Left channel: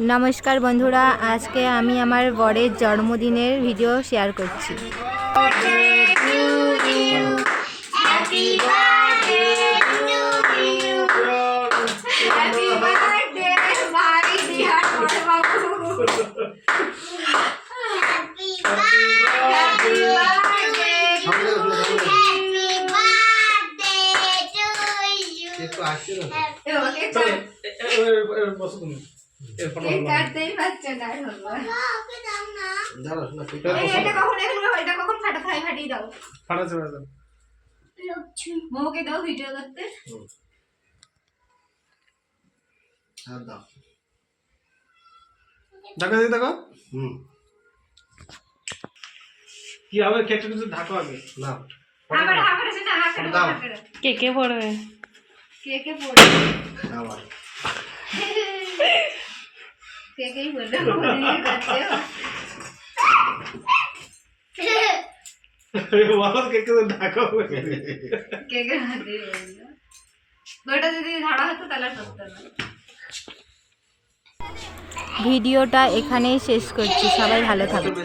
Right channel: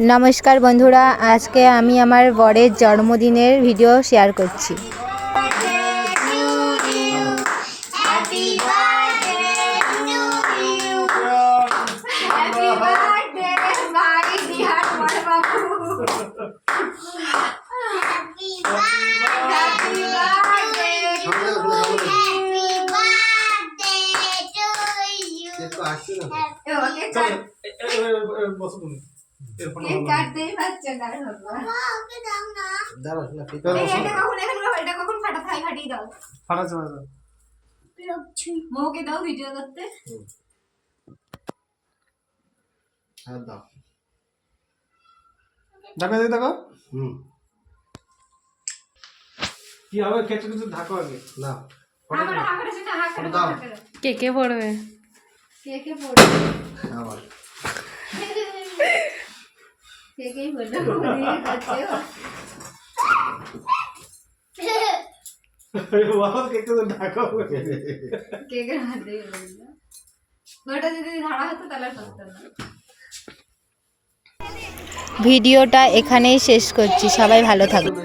नमस्कार बंधुरा आज के आमी आमार बड़ेर जन्मदिनेर भिडियो शेयर करछि। কে কে পড়বে কেকেই বললো কেকের হাতে ওটা যদি ধারা হতো তাহলে সত্য না। ভিডিওটা এখানেই শেষ করছি, সবাই ভালো থাকবে।